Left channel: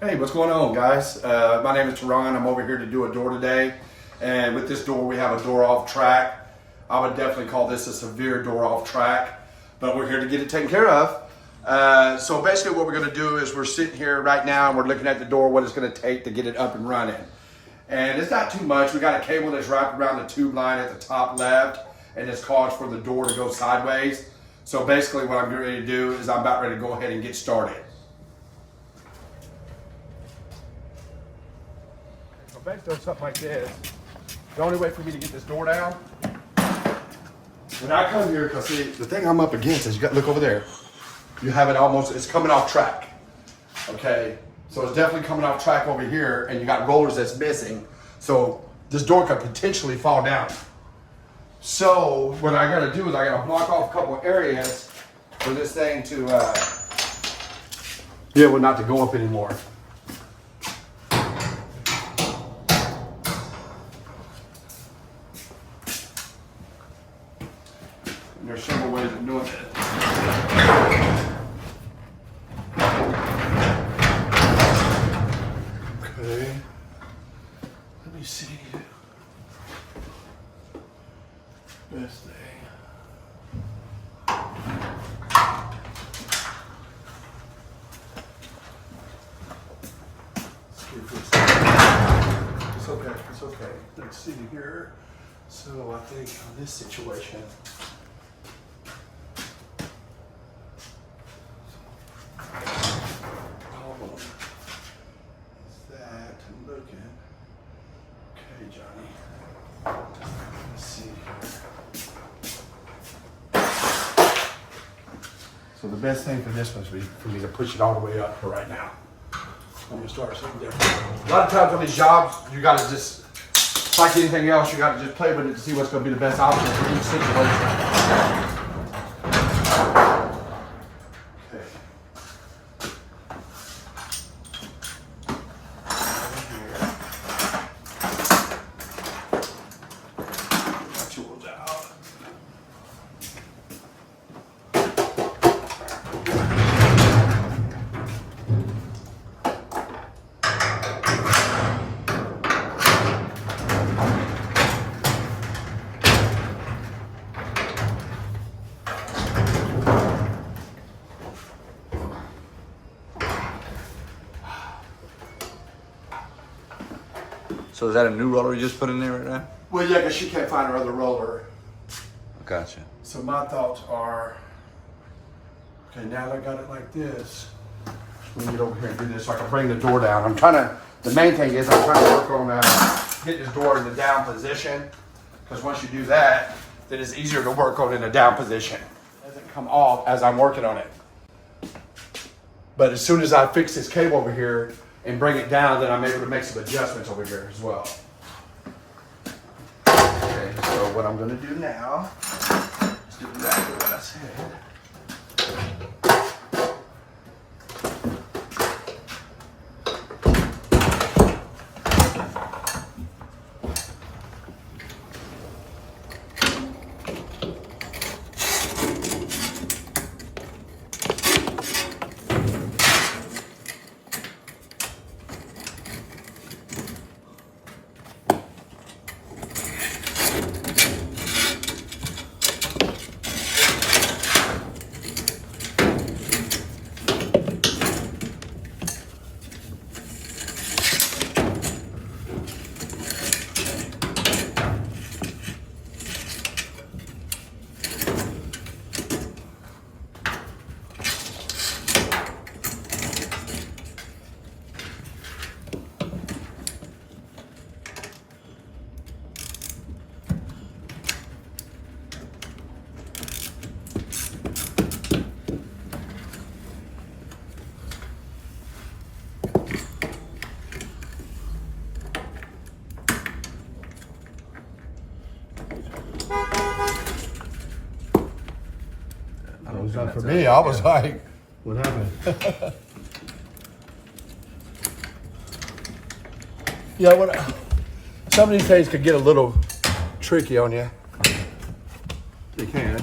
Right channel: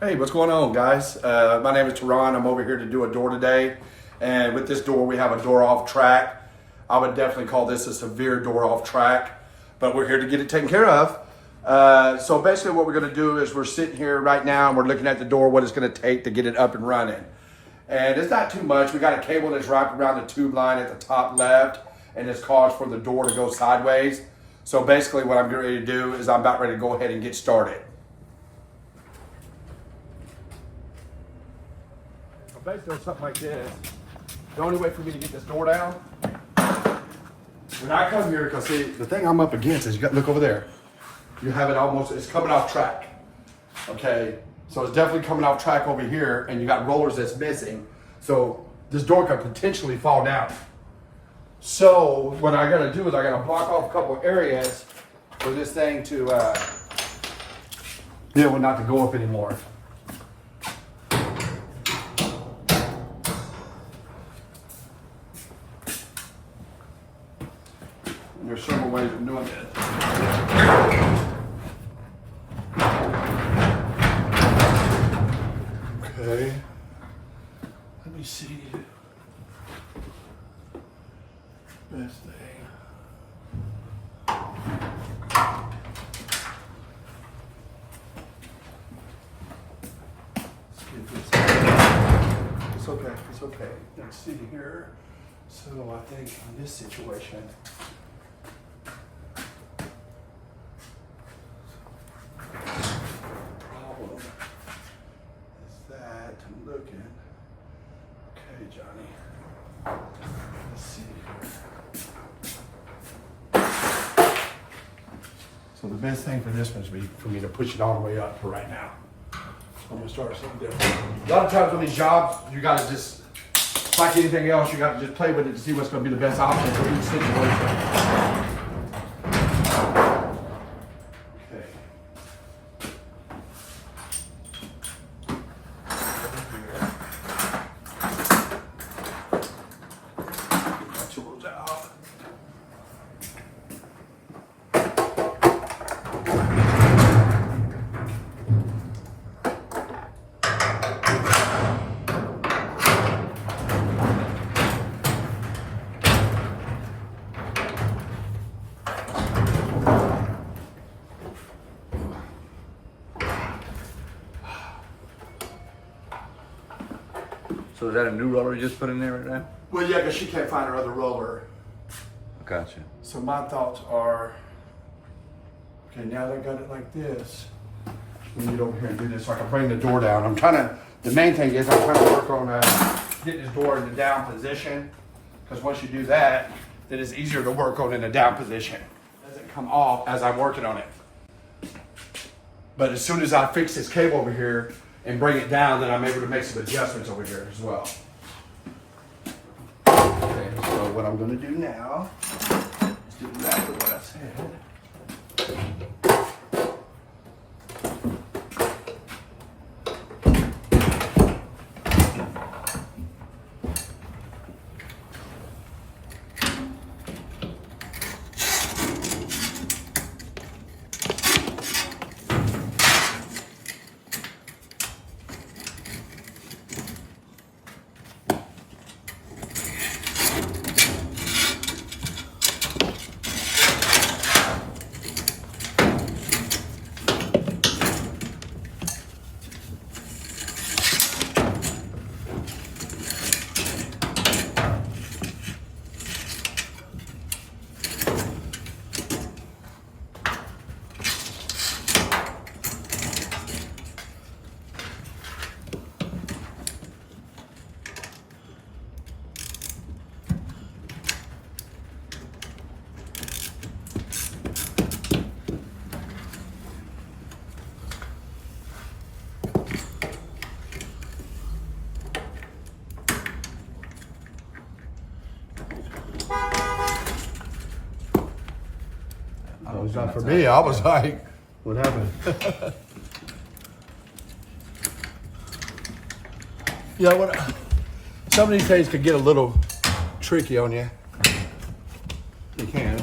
Hey, what's going on, guys? My name is Teron. I'm over here to do a door today. And with this door, we have a door off track. I would definitely call this a severe door off track, but we're here to get it taken care of. So basically what we're gonna do is we're sitting here right now and we're looking at the door, what it's gonna take to get it up and running. And it's not too much. We got a cable that's wrapped around the tube line at the top left, and it's caused for the door to go sideways. So basically what I'm getting ready to do is I'm about ready to go ahead and get started. So basically something like this. The only way for me to get this door down, when I come here, because see, the thing I'm up against is, look over there. You have it almost, it's coming off track. Okay, so it's definitely coming off track over here, and you got rollers that's missing. So this door could potentially fall down. So what I gotta do is I gotta block off a couple areas for this thing to, not to go up anymore. And there's several ways of doing it. Okay. Let me see. Best thing. Let's give this. It's okay. It's okay. Let's see here. So I think on this situation. Problem is that I'm looking. Okay, Johnny. Let's see here. So the best thing for this one is for me to push it all the way up for right now. I'm gonna start something different. A lot of times on these jobs, you gotta just, like anything else, you gotta just play with it to see what's gonna be the best option for each situation. So is that a new roller you just put in there right now? Well, yeah, because she can't find her other roller. Gotcha. So my thoughts are, okay, now that I got it like this, let me get over here and do this so I can bring the door down. I'm trying to, the main thing is I'm trying to work on getting this door in the down position, because once you do that, then it's easier to work on in a down position. It doesn't come off as I'm working on it. But as soon as I fix this cable over here and bring it down, then I'm able to make some adjustments over here as well. Okay, so what I'm gonna do now is do exactly what I said. It was not for me. I was like, what happened? Yeah, some of these things could get a little tricky on you. They can.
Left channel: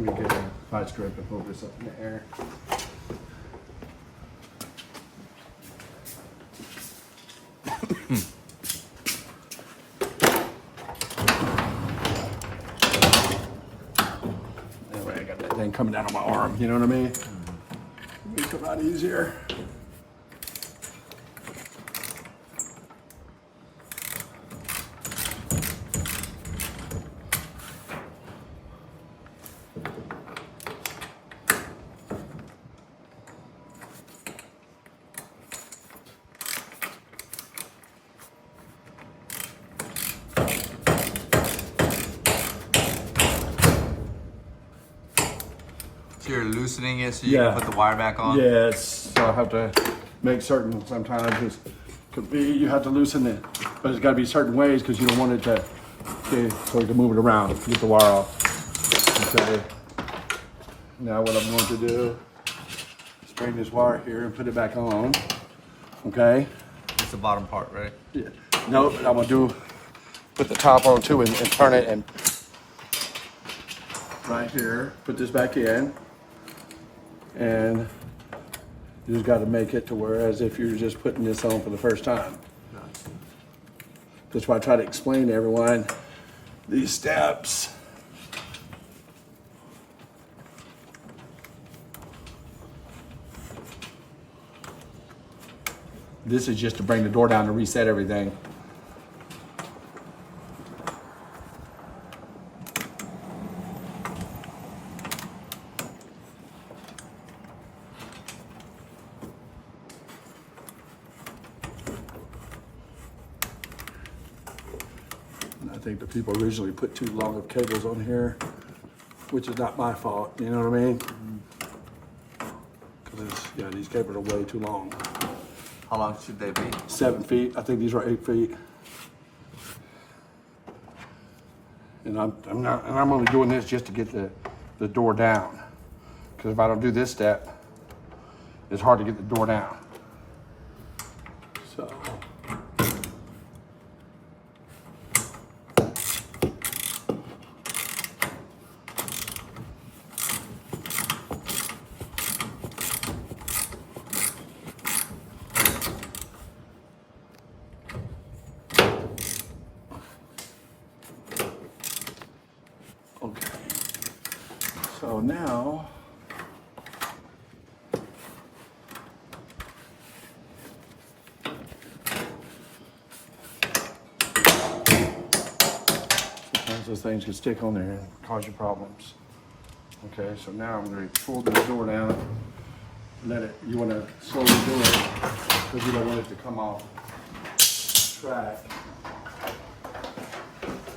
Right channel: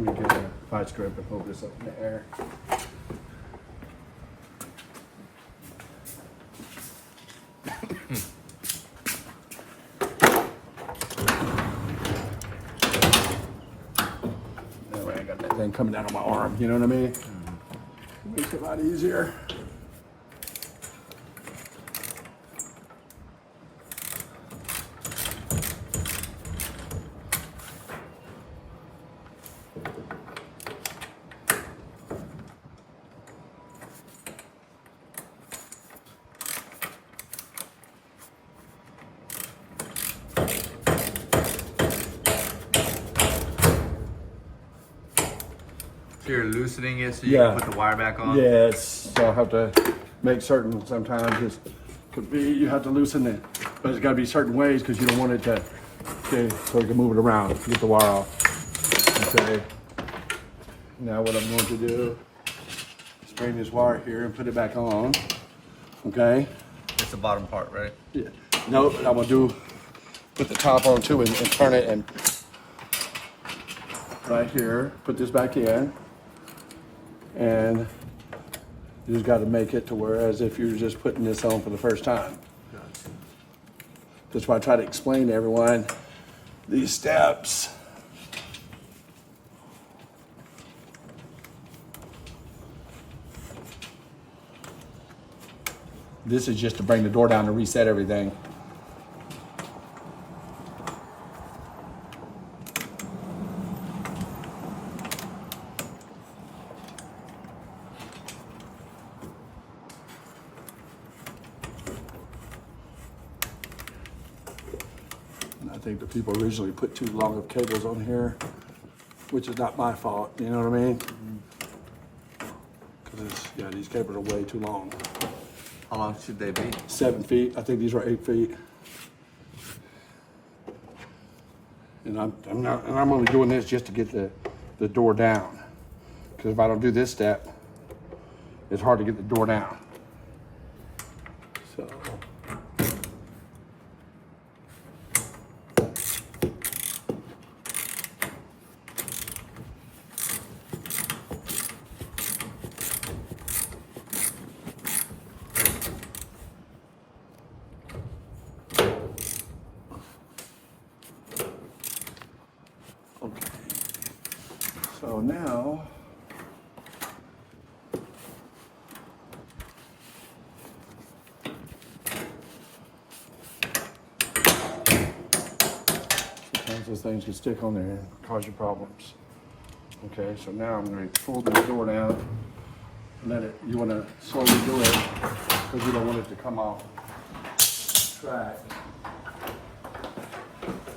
Let me get a vice grip and hold this up in the air. That way I got that thing coming down on my arm, you know what I mean? Makes it a lot easier. So you're loosening it so you Yeah. can put the wire back on? Yeah, so I have to make certain, sometimes just could be, you have to loosen it, but it's gotta be certain ways because you don't want it to, okay, so you can move it around, get the wire off. Okay. Now what I'm going to do is bring this wire here and put it back on. Okay. It's the bottom part, right? Yeah. No, I'm gonna do, put the top on too and turn it and right here, put this back in. And you just got to make it to where as if you're just putting this on for the first time. That's why I try to explain to everyone these steps. This is just to bring the door down to reset everything. I think the people originally put too long of cables on here, which is not my fault, you know what I mean? Because, yeah, these cables are way too long. How long should they be? 7 feet, I think these are 8 feet. And I'm only doing this just to get the door down. Because if I don't do this step, it's hard to get the door down. So. Okay, so now sometimes those things can stick on there and cause you problems. Okay, so now I'm going to pull this door down, let it, you want to slowly do it because you don't want it to come off track.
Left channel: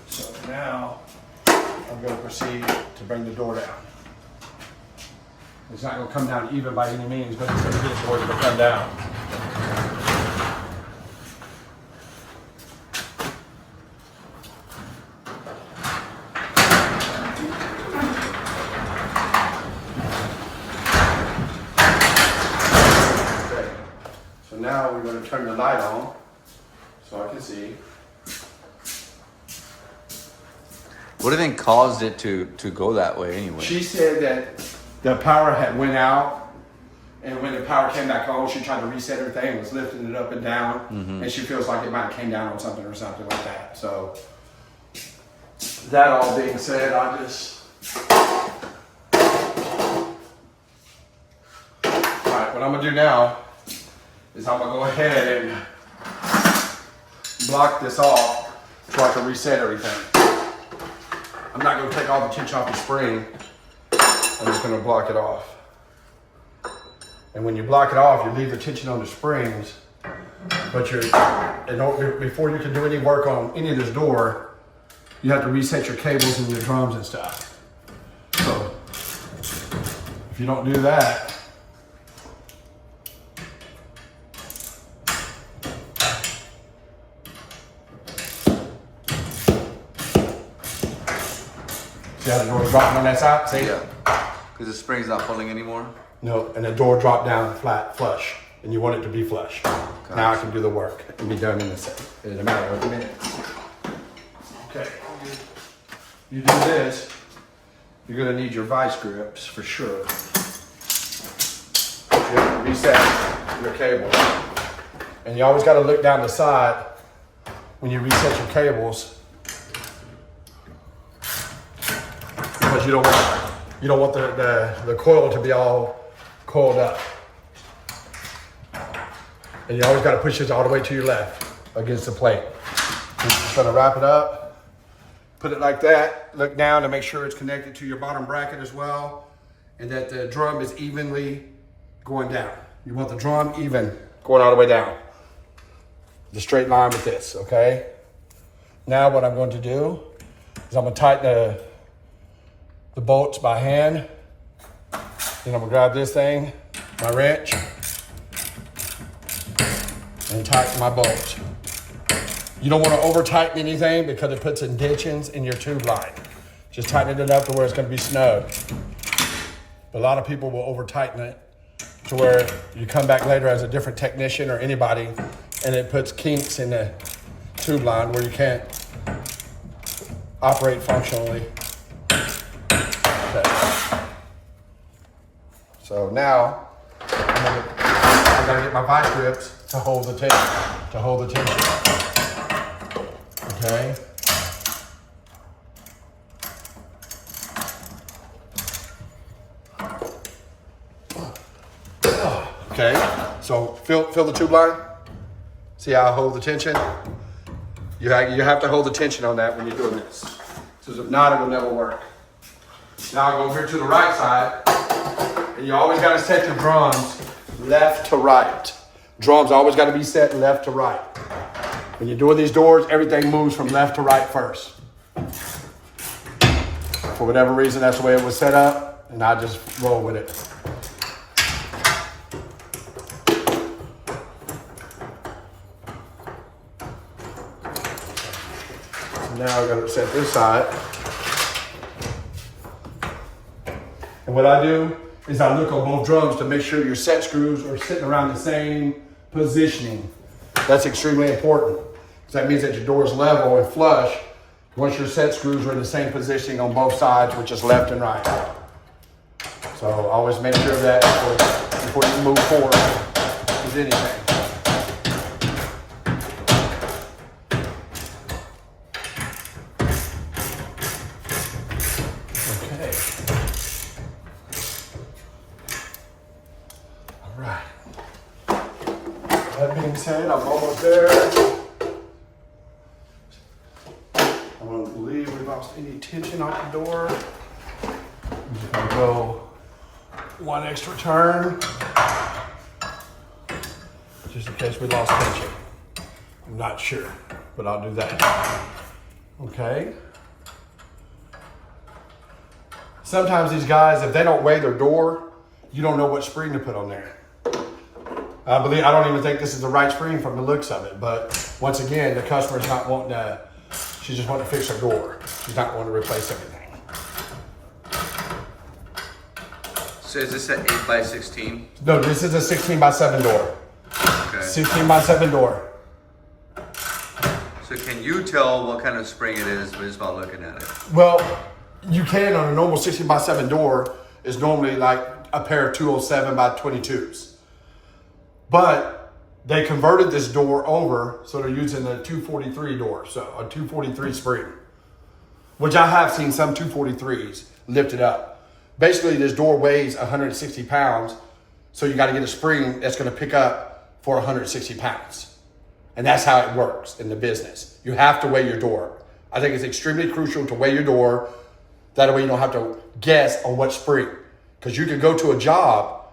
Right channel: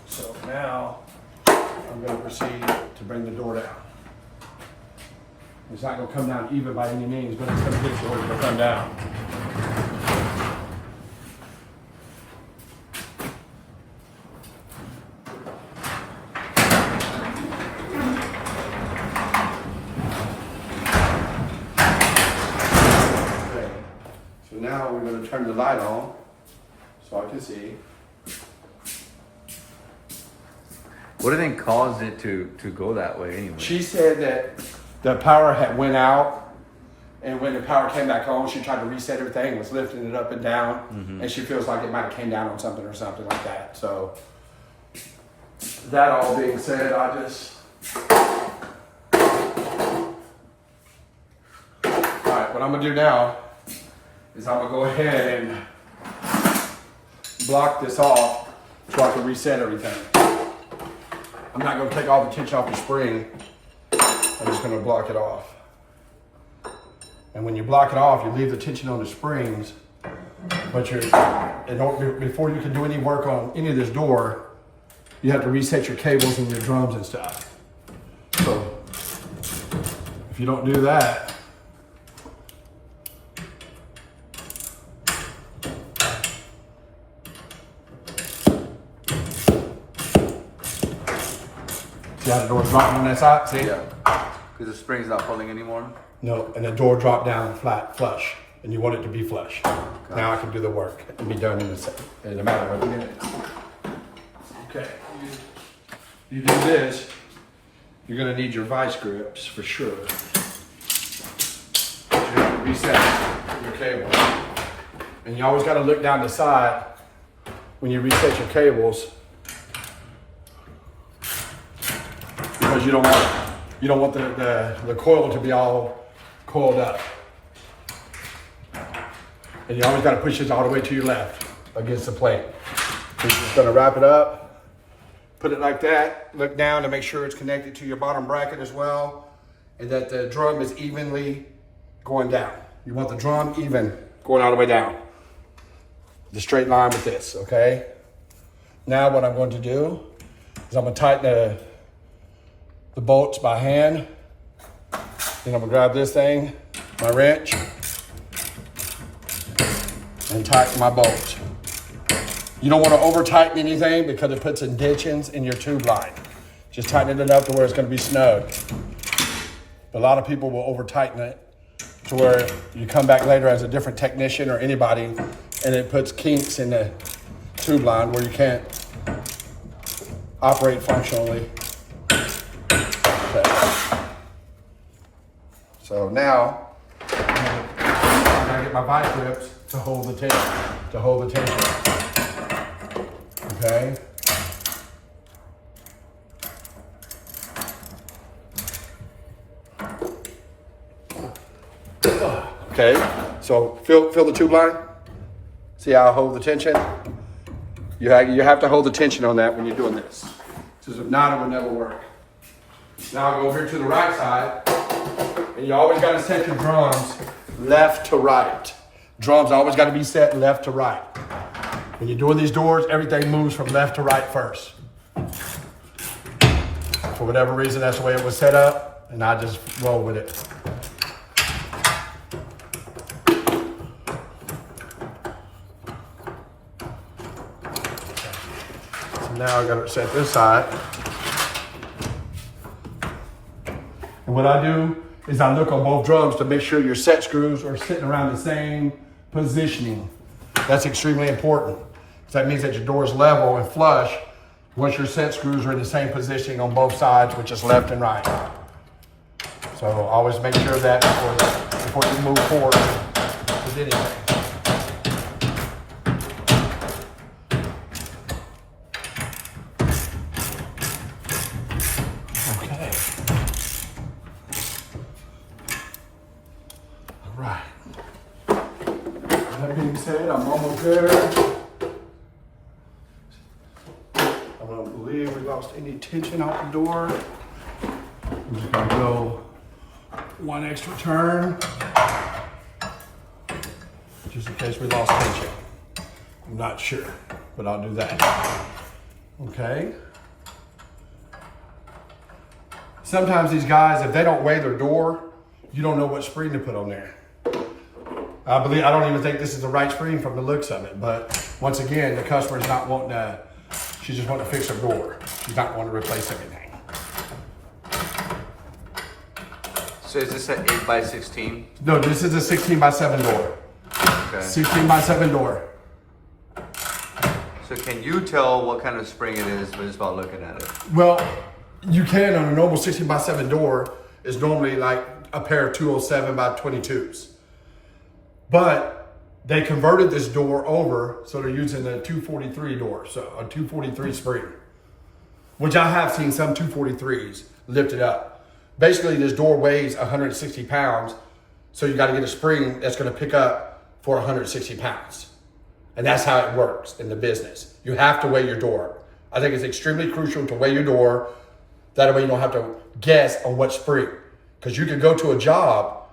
So now I'm going to proceed to bring the door down. It's not going to come down even by any means, but it's going to get it to where it's going to come down. Okay. So now we're going to turn the light on so I can see. What do you think caused it to go that way anyway? She said that the power had went out, and when the power came back on, she tried to reset everything and was lifting it up and down, and she feels like it might have came down on something or something like that. So that all being said, I just all right. What I'm gonna do now is I'm gonna go ahead and block this off so I can reset everything. I'm not going to take all the tension off the spring. I'm just going to block it off. And when you block it off, you leave the tension on the springs. But before you can do any work on any of this door, you have to reset your cables and your drums and stuff. So if you don't do that, see how the door's dropping on that side? See? Yeah. Because the spring's not pulling anymore? No, and the door dropped down flat, flush, and you want it to be flush. Gotcha. Now I can do the work and be done in a matter of minutes. Okay. You do this, you're gonna need your vice grips for sure. You have to reset your cable. And you always gotta look down the side when you reset your cables, because you don't want the coil to be all coiled up. And you always gotta push this all the way to your left against the plate. You're just gonna wrap it up, put it like that, look down to make sure it's connected to your bottom bracket as well, and that the drum is evenly going down. You want the drum even, going all the way down. The straight line with this, okay? Now what I'm going to do is I'm gonna tighten the bolts by hand. Then I'm gonna grab this thing, my wrench, and tighten my bolts. You don't wanna over tighten anything because it puts indentions in your tube line. Just tighten it enough to where it's gonna be snug. But a lot of people will over tighten it to where you come back later as a different technician or anybody, and it puts kinks in the tube line where you can't operate functionally. Okay. So now I'm gonna get my vice grips to hold the tension. Okay. Okay. So feel the tube line. See how I hold the tension? You have to hold the tension on that when you're doing this. Because if not, it will never work. Now I'll go over to the right side. And you always got to set your drums left to right. Drums always got to be set left to right. When you're doing these doors, everything moves from left to right first. For whatever reason, that's the way it was set up. And I just roll with it. Now I gotta set this side. And what I do is I look on both drums to make sure your set screws are sitting around the same positioning. That's extremely important. That means that your door is level and flush once your set screws are in the same positioning on both sides, which is left and right. So always make sure of that before you move forward with anything. That being said, I'm almost there. I don't believe we lost any tension off the door. I'm just gonna go one extra turn, just in case we lost tension. I'm not sure, but I'll do that. Okay. Sometimes these guys, if they don't weigh their door, you don't know what spring to put on there. I don't even think this is the right spring from the looks of it, but once again, the customer's not wanting to, she just wanting to fix her door. She's not wanting to replace everything. So is this an 8x16? No, this is a 16x7 door. Okay. 16x7 door. So can you tell what kind of spring it is just by looking at it? Well, you can on a normal 16x7 door is normally like a pair of 207 by 22s. But they converted this door over, so they're using a 243 door, so a 243 spring, which I have seen some 243s lifted up. Basically, this door weighs 160 pounds, so you got to get a spring that's going to pick up for 160 pounds. And that's how it works in the business. You have to weigh your door. I think it's extremely crucial to weigh your door. That way you don't have to guess on what spring. Because you could go to a job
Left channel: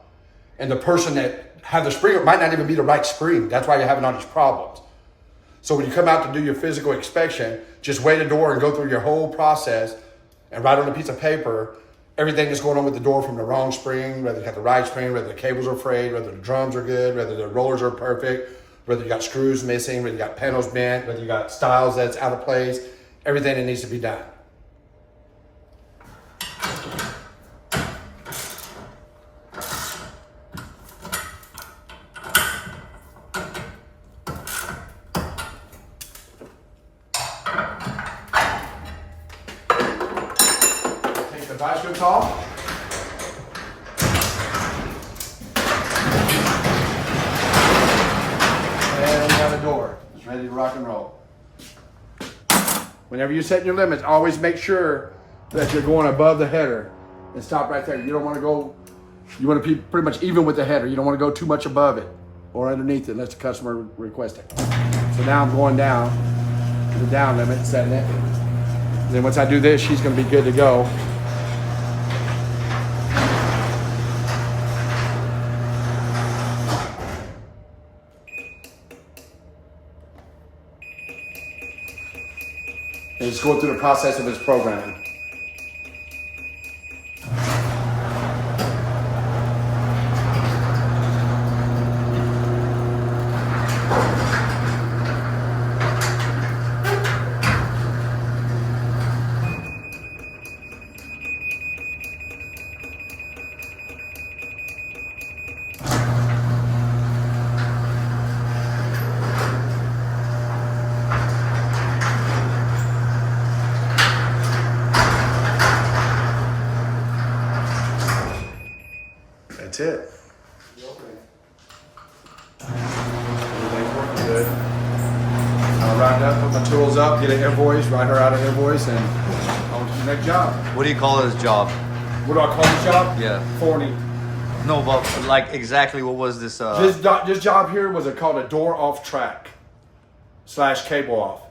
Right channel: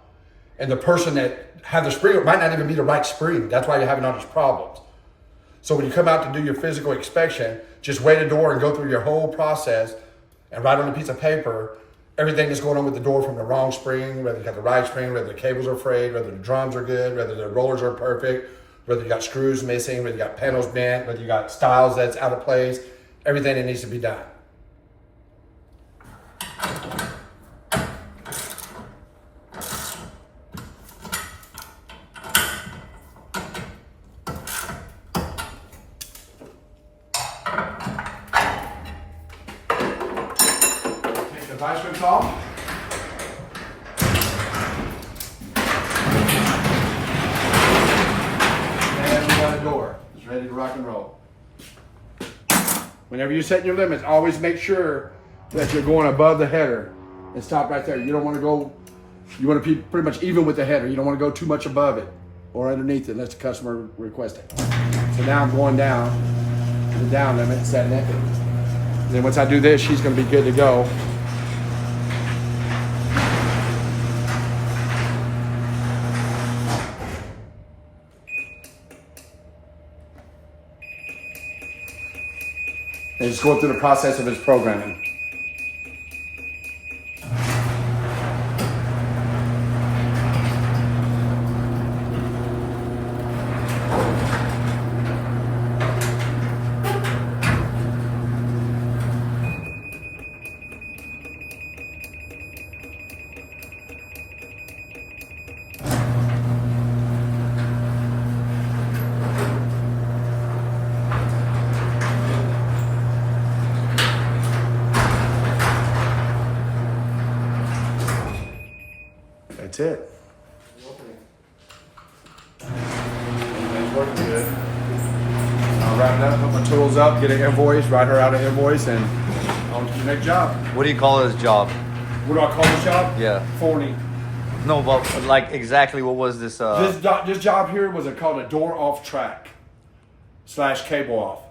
and the person that had the spring, it might not even be the right spring. That's why you're having all these problems. So when you come out to do your physical inspection, just weigh the door and go through your whole process and write on a piece of paper everything that's going on with the door from the wrong spring, whether you got the right spring, whether the cables are frayed, whether the drums are good, whether the rollers are perfect, whether you got screws missing, whether you got panels bent, whether you got stiles that's out of place, everything that needs to be done. Device good call. And we got the door. It's ready to rock and roll. Whenever you're setting your limits, always make sure that you're going above the header and stop right there. You don't want to go, you want to be pretty much even with the header. You don't want to go too much above it or underneath it unless the customer requests it. So now I'm going down to the down limit, setting it. And then once I do this, she's going to be good to go. And it's going through the process of its programming. That's it. Everything's working good. I'll wrap up, put my tools up, get an invoice, write her out an invoice, and on to the next job. What do you call this job? What do I call this job? Yeah. Forney. No, but like exactly what was this? This job here was called a door off track / cable off.